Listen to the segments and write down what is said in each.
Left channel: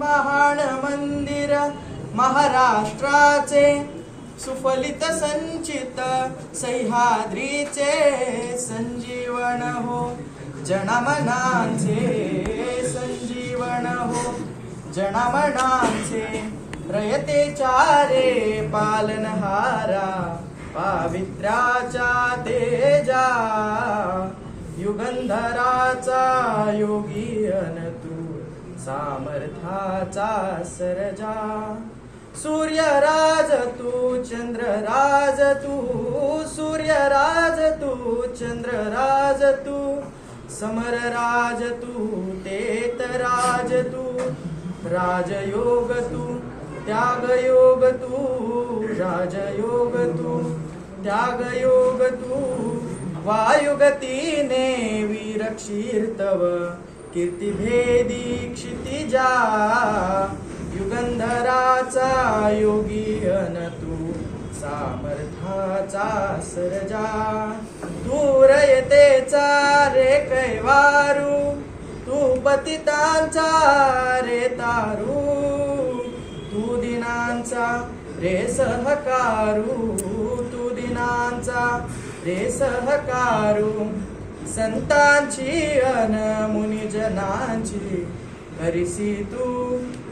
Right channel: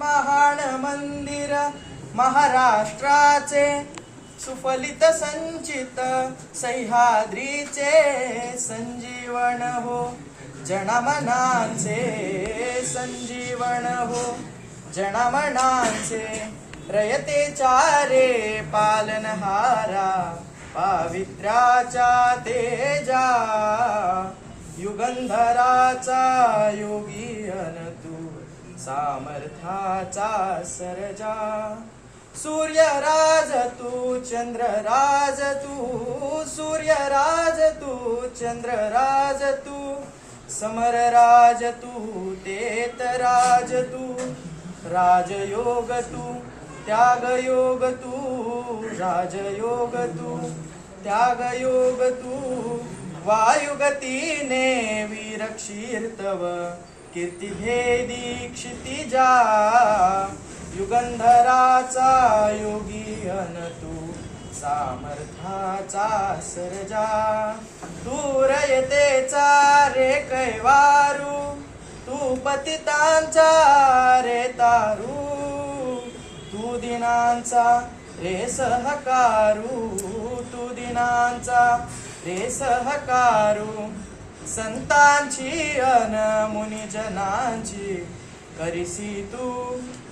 महान मंदिर महाराष्ट्राचे सुफलित संचित सह्याद्रीचे संजीवन हो जनमनाचे संजीवन हो जनमनाचे रयते चारे पालनहारा पावित्र्याचा तेजा युगंधराचा योगी अन तू सामर्थ्याचा सरजा सूर्यराज तू चंद्रराज तू सूर्यराज तू चंद्रराज तू समरराज तू तेतराज तू राजयोग तू त्यागयोग तू राजयोग तू त्यागयोग तू वायुगतीने वीरक्षीर्तव कीर्तिभेदी क्षितिजा युगंधराचा योगी अन तू सामर्थ्याचा सरजा तू रयतेचा रे कैवारू तू पतितांचा रे तारू तू दिनांचा रे सहकारू तू दिनांचा रे सहकारू संतांची अन मुनिजनांची करिसी तू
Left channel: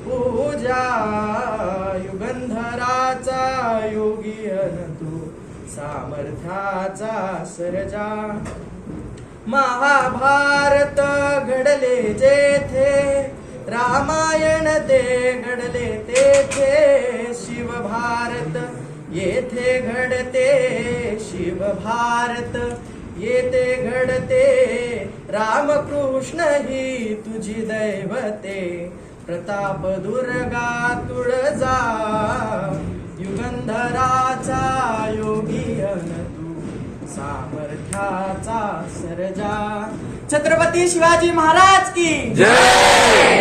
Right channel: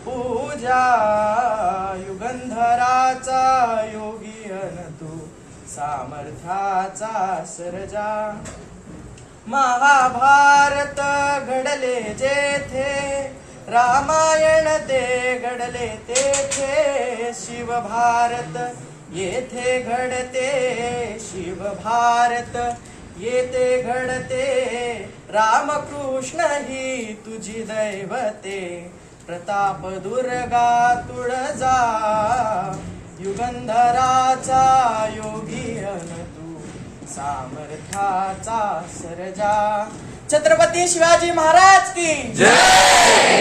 पूजा युगंधराचा योगी अन तू सामर्थ्याचा सरजा महाभारत घडले जेथे रामायण ते घडले तेथे शिवभारत येथे घडते शिवभारत येथे घडते रामकृष्ण ही तुझी दैवते प्रताप दुर्गा तुळजा युगंधराचा योगी अन तू सामर्थ्याचा सरजा छत्रपती शिवाजी महाराज की जय।